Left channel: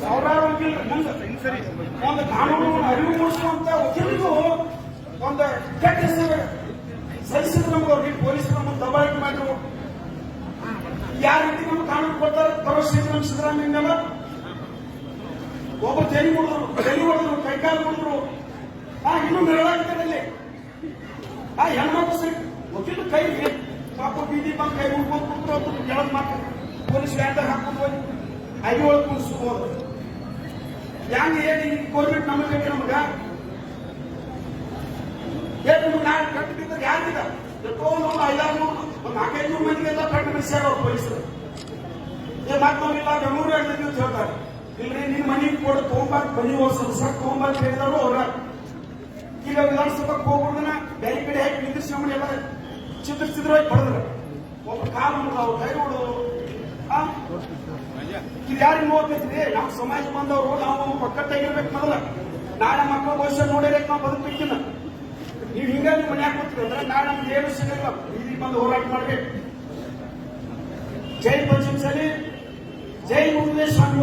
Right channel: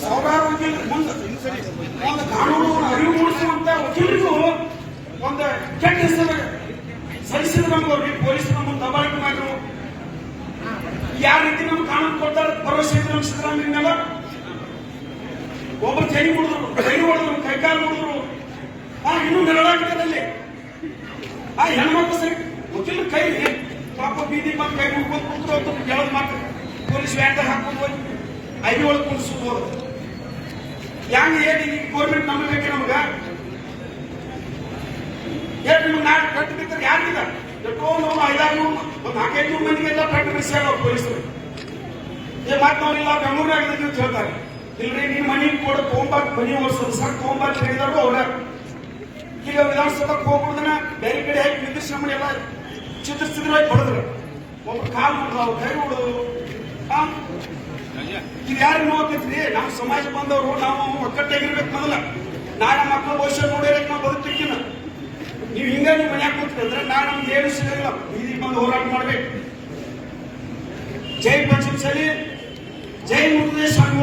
ಸಾವಿರಾರು ವಕೀಲರು ಮುಂದೆ ಒಂದು ಕಾನೂನು ಅರಿವು ಮೂಡಿಸುವಂತ ವಕೀಲರಿಗೂ ಒಂದು ಕೆಟ್ಟ ಹೆಸರು ಸಹಿಸಿದ್ರು ನಮ್ಗೆ ಅವ್ರಿಗೆ ಪೊಲೀಸರು ನಮ್ಮನ್ನು ದಬಾಳಿಕೆ ಮಾಡಿದ್ರು. ಯಾವ ರೀತಿ ನಮ್ಗೆ ಕಾನೂನು ಕೊಡ್ತಾರೆ, ಭರವಸೆ ಇತ್ತು ನಮ್ಮ ಸಿದ್ದರಾಮಯ್ಯ ಮೇಲೆ. ಒಬ್ಬರು ಜೈಲಿ ಹೊಡೆದ್ರು ಜೈಲಿ ಹೊಡೆದ್ರು, ಕೈಕಾಲು ಹೊಡೆದ್ರು. ಆ, ಇನ್ನೂ ನೆರಳಾಗ್ತದೆ ಅಲ್ಲಿ ಆ, ಹೆಣ್ಮಕ್ಳು ಸರಿ, ವಕೀಲರು ಕೈ ಪಾಪ ಬೀದಿ ಬಂದು ಕೈ ಮುಡ್ಕೊಂಡು ಕುಂತ್ರು ಅಂತ ಹೇಳೋದು ಮಾತು ಪೊಲೀಸ್ ವ್ಯಾನ್ದಾಗ ಹಾಕೊಂಡು ಹೋಗಿ ಐದು ಒಳಗೆ ಕುಣಿಸ್ಬೋದು ಹೆಂಗ್ ಹೇಳಿ ಗೌರ್ಮೆಂಟ್ ನಂಬಬೇಕು ನಮಗ? ಹೇಳಿ ನಿಮ್ಗೆ ನಾಳೆ ಕಟ್ಟು ಬಿದ್ದರೆ ಯಾರಿಗಿದ ಎಷ್ಟೋ ನೂರು, ಐದಾರು ನೂರು, ಒಂದು ನಾಲ್ಕೈದು ನೂರು ಮಂದಿಗೆಲ್ಲ ಕಟ್ಟು ಬಿಡಿಸ್ಯಾರ ಅವ್ರು ಪೊಲೀಸರು. ಏ, ಮತ್ತೆ ನಾವಿಲ್ಲ ಬೆಂಗಳೂರಾಗ ಇದೀವಿ ಅಂತ ಹೇಳ್ತಾರೆ. ಇಲ್ರಿ, ನಿನ್ ಮನಿ ಕೊಡು ತೊಗೊಂಬಾಕ್ ಮನಿ ಓಡಿಸೋದು. ಸರ್ ತೊಗೊಂಬಾಕ್ ಹೇಳಿದಾರು ಅವ್ರ. ಈಗ ವಿಧಾನಸೌಧಕ್ಕೆ ಹೋಗ್ಬಿಡ್ದನ ಬೇರೆ ಕಡೆ ಹೇಗೆ ನಿಂದಿರ್ಸಿ ನಮ್ಮನ್ನ ಎಲ್ಲ ಚಿತ್ರಿಸಿದ್ರು ಹೊಡೆದ್ರು. ಒಬ್ರು ಕಾಲು ಹೊಡೆದು ಅವ್ರು ಕೈ ಹೊಡೆದು ಇದು ಯಾರಿಗೆ ನಮ್ಮ ಸಮಾಜ ಬಂದವರು ನಾವು ಒಕ್ಕಟ್ಟಾಗಿರ್ಬೇಕು ಮೊದಲ. ನಾಳೆ ಮಕ್ಕಳ ಭವಿಷ್ಯ ನೋಡಿರಬೇಕು ನಾವು ಬದುಕ್ತಿಕ್ಕಿನ ನೀವು ಹಿಂಗ ನೀವು ಮನ್ಯಾಗ ಕೂತ್ರಿ ಅಂದ್ರೆ ನಾಳೆ ನಮ್ಗೆ ಏನು ಸಿಗಲ್ಲ ಬೀದಿಗೆ ಬಂದು ಹೋರಾಟ ಮಾಡ್ಬೇಕು. ಜೈ ಪಂಚಮಸಾಲಿ ಜೈ ಮುಂದೆ ಸ್ವಾಮಿ